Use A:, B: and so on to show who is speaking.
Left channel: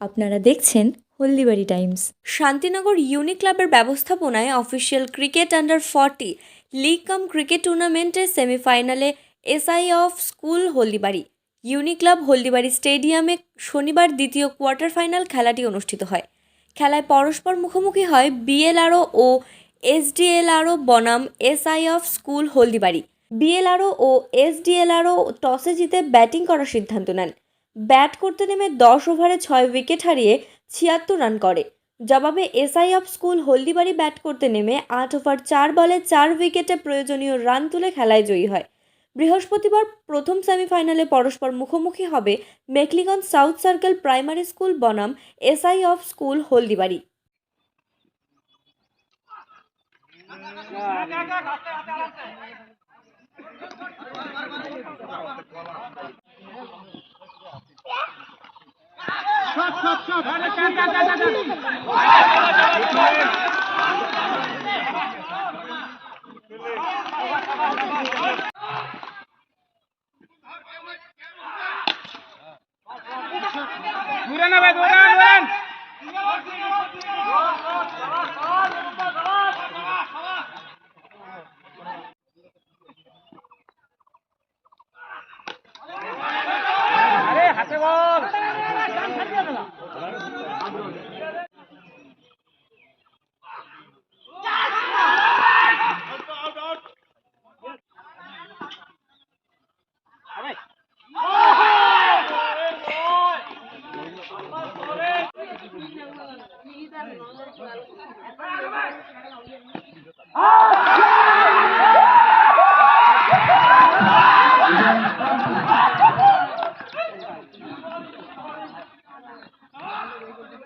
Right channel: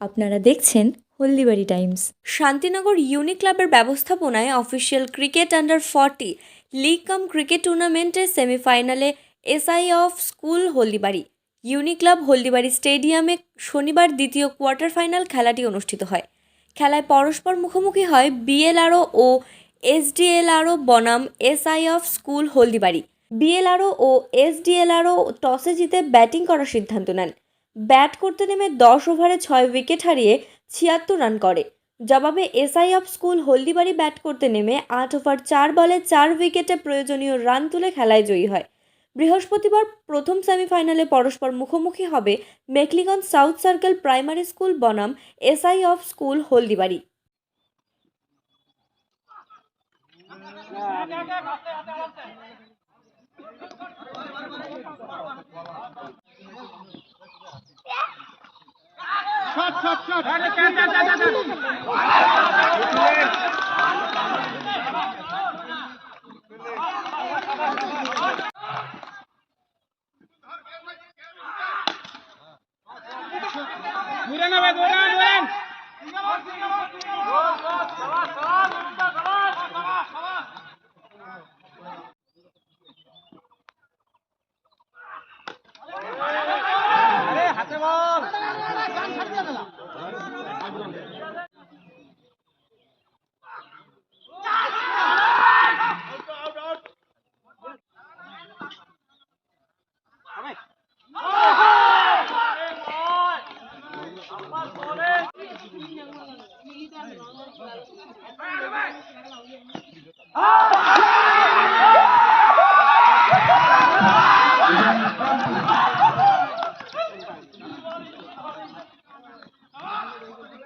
A: আপনারা দেখছেন হলদিবাড়ি টাইমস।
B: শান্তিনগর ইউনি ক্লাবের ব্যবস্থাপনায় official cricket under forty league cum cricket tournament সেমিফাইনালে SI of school Haldibari. Uni club Haldibari স্টেডিয়ামে শনিবার দ্বিতীয় কোয়ার্টার ফাইনাল খেলাটি অনুষ্ঠিত হয়। খেলায় পরস্পর মুখোমুখি হয় বিএলআরও ও এসডিএলআরও বনাম SI of school Haldibari. BLRO O SDLRO টসে জিতে ব্যাটিং করার সিদ্ধান্ত নেন। ব্যাট করতে নেমে দশ ওভারে ছয় উইকেট হারিয়ে ছিয়াত্তর রান করে জবাবে SI of school Haldibari bat করতে নেমে আট ওভার চার বলে চার উইকেটে প্রয়োজনীয় রান তুলে খেলায় জয়ী হয় বৃহস্পতিবার প্রথম সেমিফাইনালে পরস্পর মুখোমুখি হবে Mekliganj south circle primary school বনাম এসআই অফ স্কুল হলদিবাড়ি
C: দূরে ভাই দৌড়ান দৌড়ান হাতে বল। Ah!